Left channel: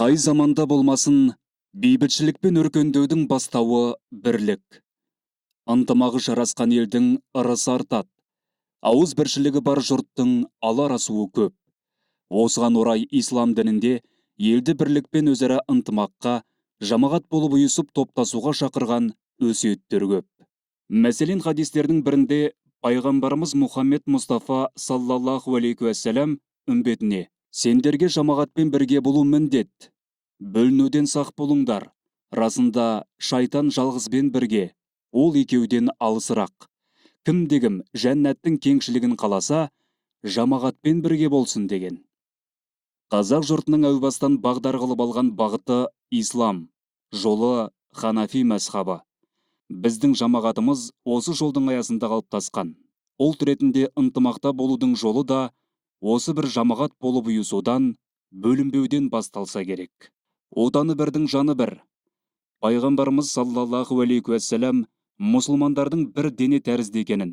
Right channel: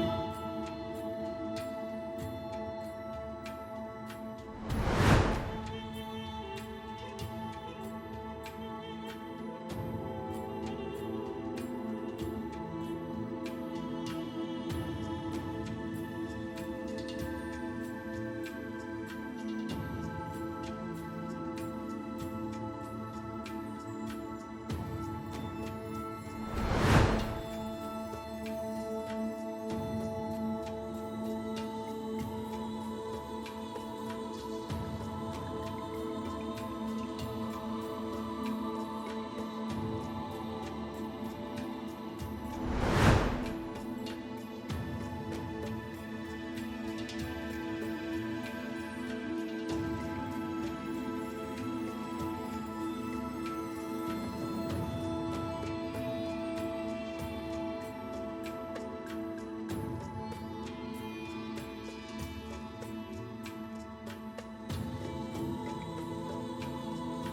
Қай заманда болмасын, бейбітшілікпен өркендеудің бастауы бірлік. Ынтымағы жарасқан елдің ырысы артады. Ауыз біршілігі бар жұрттың алар асуы көп. Осыған орай ислам дінінде елді бірлікпен өзара ынтымаққа, жамағат болып ұйысып топтасуға шақырған өсиеттер көп. Мәселен, хадистердің бірінде пайғамбарымыз Мұхаммед Мұстафа саллаллаху алейхи уассалам үмбетіне: сендерге жамағатпен бірге болу міндет, бөлінуден сақ болыңдар. Расында шайтан жалғызбен бірге, ол екеуден алысырақ. Кім-дегім жәннаттың кеңшілігін қаласа, жамағатпен бірге болсын деген. Қазақ жұртының әубастан бағдар қылып алған бағыты ислам, жолы ханафи мәзхабы. Біздің жамағатымыз осы жолдың аясында қалыптасқан. Ұлт ретінде ынтымақта болудың жолы да осы бір жамағат болып ұйысудан, бөлінбеуден басталса керек. Отаны бірдің жаны бір. Пайғамбарымыз саллаллаху алейхи уассалам мұсылмандардың бір дене тәрізді екенін,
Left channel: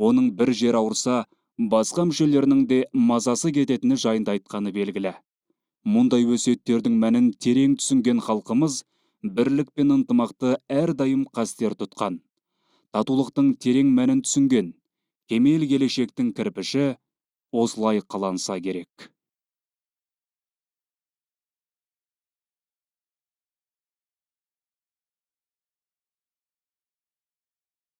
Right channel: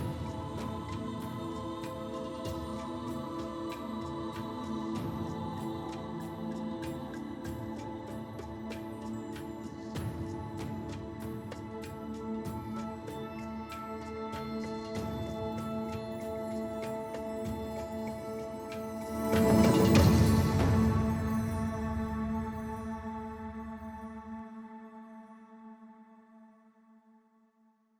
оның бір жер ауырса, басқа мүшелерінің де мазасы кететіні жайында айтқаны белгілі. Мұндай өсиеттердің мәнін терең түсінген халқымыз бірлік пен ынтымақты әрдайым қастер тұтқан. Татулықтың терең мәнін түсінген кемел келешектің кірпіші осылай қаланса керек.